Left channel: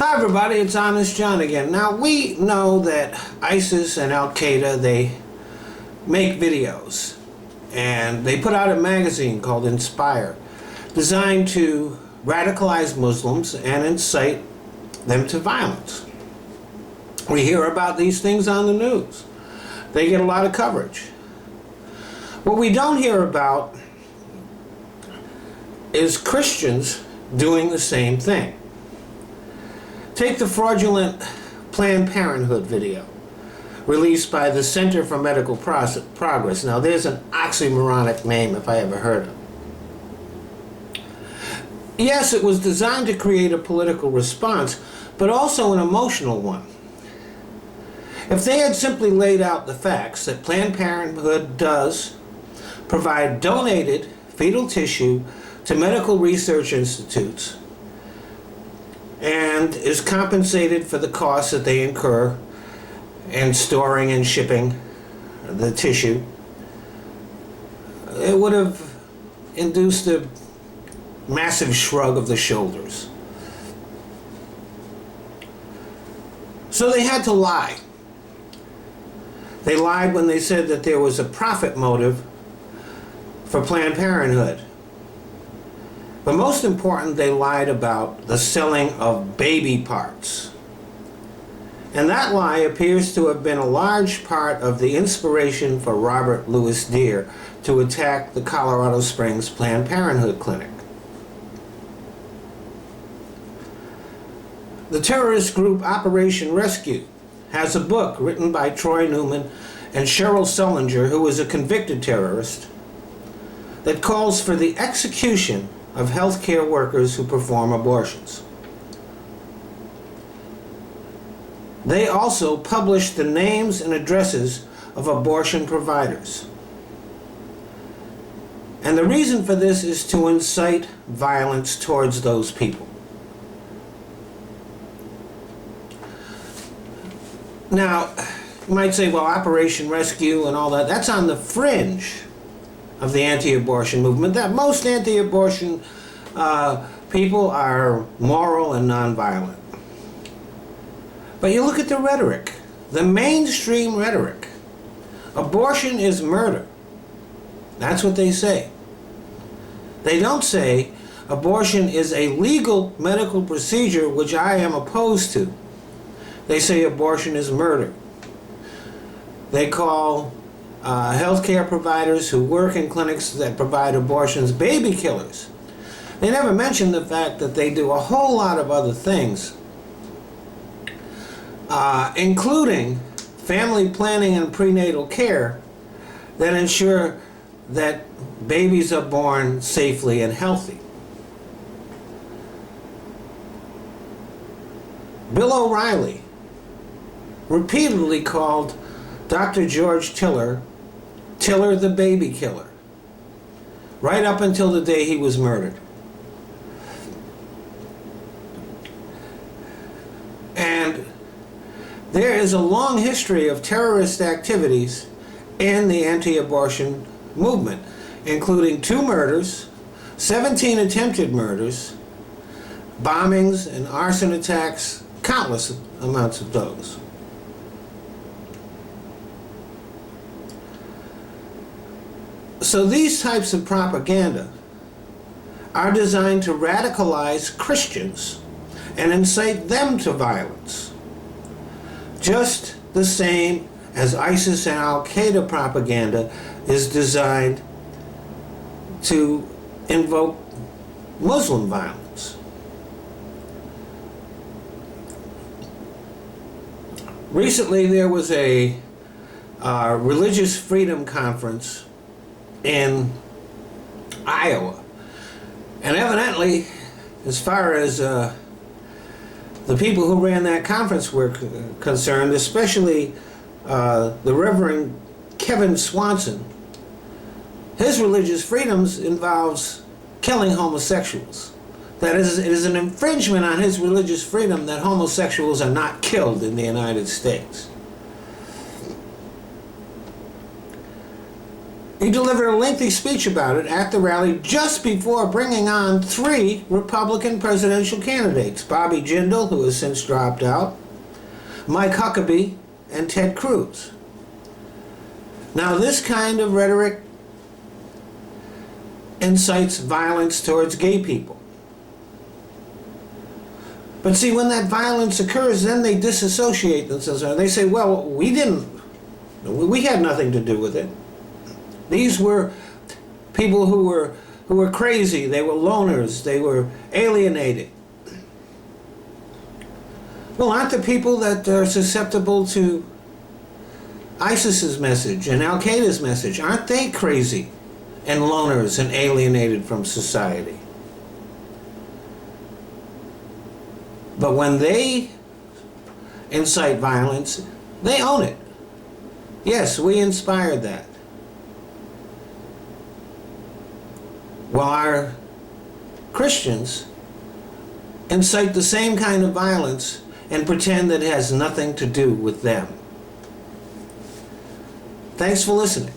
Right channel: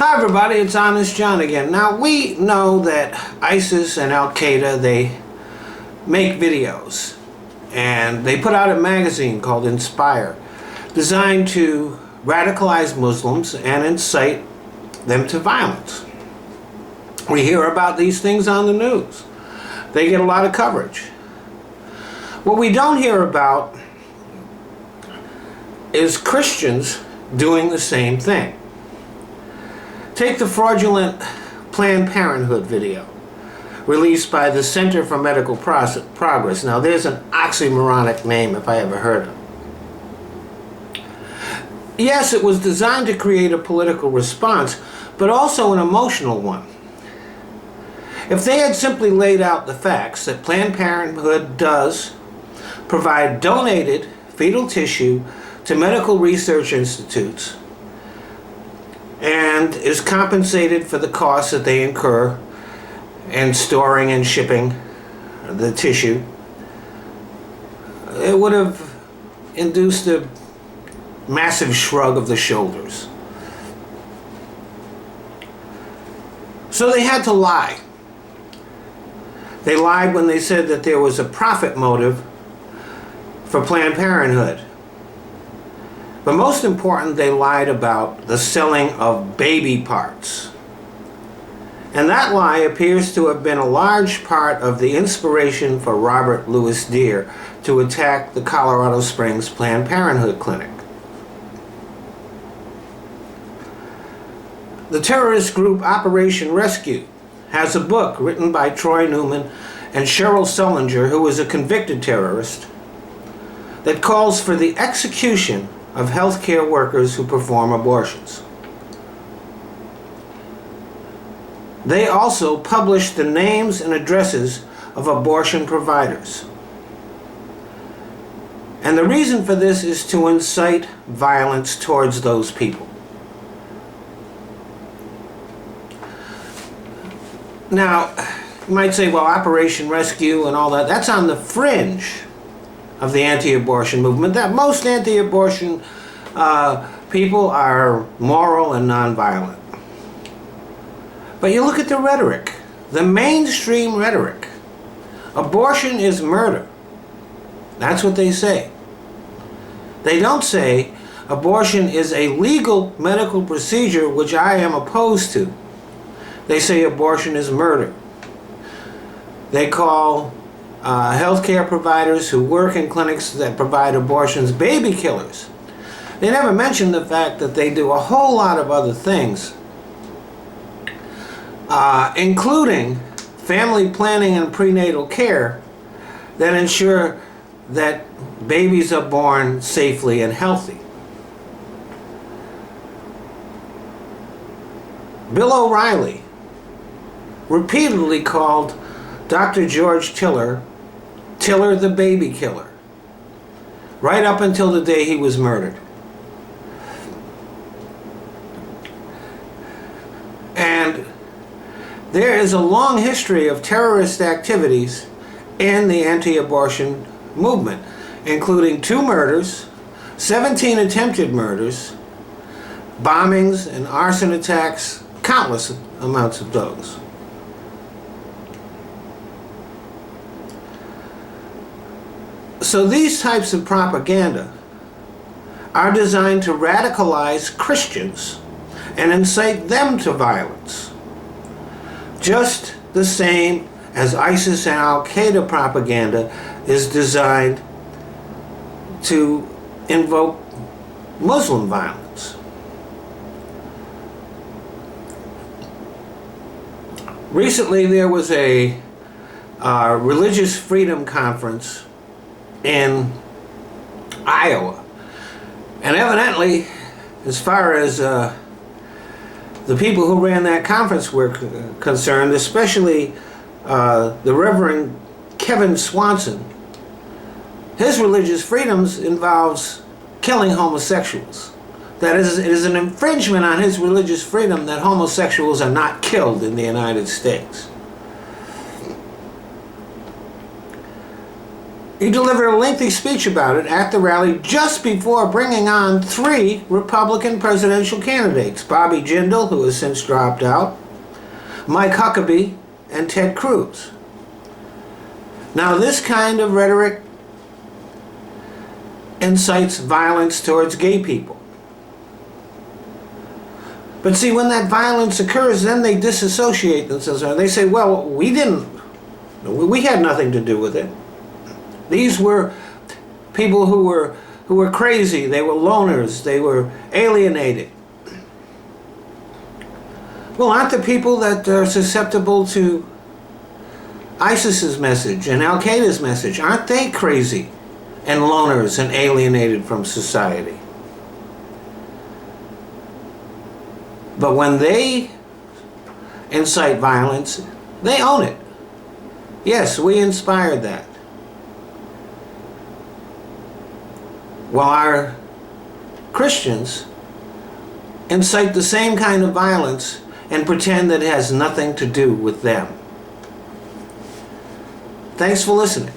Hi everybody, it's Honest John again. Now we know that ISIS and Al-Qaeda, they make videos and they put out a magazine called Inspire, designed to radicalize Muslims and incite them to violence. We hear about these things on the news. They get a lot of coverage. What we don't hear about is Christians doing the same thing. Take the fraudulent Planned Parenthood video released by the Center for Medical Progress. Now there's an oxymoronic name if I ever heard it. Yes, it was designed to create a political response, but also an emotional one. If they had simply laid out the facts that Planned Parenthood does provide donated fetal tissue to medical research institutes and is compensated for the costs that they incur in storing and shipping the tissue, it would have induced a massive shrug of the shoulders. So they had to lie. They lied when they said that there was a profit motive for Planned Parenthood. But most important, they lied about the selling of baby parts. And that lie appears to have been a large part of the inspiration for Robert Louis Deere to attack the Colorado Springs Planned Parenthood clinic. The terrorist group Operation Rescue has a book written by Troy Newman and Cheryl Sullinger, who is a convicted terrorist, that calls for the execution of healthcare workers who perform abortions. They also published the names and addresses of abortion providers. And the reason for this is to incite violence towards those people. Now, you might say, well, Operation Rescue and all that, that's on the fringe of the anti-abortion movement. That most anti-abortion people are moral and nonviolent. But you look at the rhetoric, the mainstream rhetoric. Abortion is murder. That's what they say. They don't say abortion is a legal medical procedure which I am opposed to. They say abortion is murder. They call healthcare providers who work in clinics that provide abortions baby killers. They never mention the fact that they do a whole lot of other things, including family planning and prenatal care that ensure that babies are born safely and healthy. Bill O'Reilly repeatedly called Dr. George Tiller the baby killer, right up until the day he was murdered. And there is a long history of terrorist activities in the anti-abortion movement, including 2 murders, 17 attempted murders, bombings and arson attacks, countless amounts of those. So these types of propaganda are designed to radicalize Christians and incite them to violence, just the same as ISIS and Al-Qaeda propaganda is designed to invoke Muslim violence. Recently there was a religious freedom conference in Iowa, and evidently, as far as the people who ran that conference were concerned, especially the Reverend Kevin Swanson, his religious freedoms involves killing homosexuals. That is, it is an infringement on his religious freedom that homosexuals are not killed in the United States. He delivered a lengthy speech about it at the rally just before bringing on 3 Republican presidential candidates, Bobby Jindal, who has since dropped out, Mike Huckabee, and Ted Cruz. Now, this kind of rhetoric incites violence towards gay people. But see, when that violence occurs, then they disassociate themselves. They say, well, we had nothing to do with it. These were people who were crazy, they were loners, they were alienated. Well, aren't the people that are susceptible to ISIS's message and Al-Qaeda's message, aren't they crazy and loners and alienated from society? But when they incite violence, they own it. Yes, we inspired that. While our Christians incite the same kind of violence and pretend that it has nothing to do with them. Thanks for listening.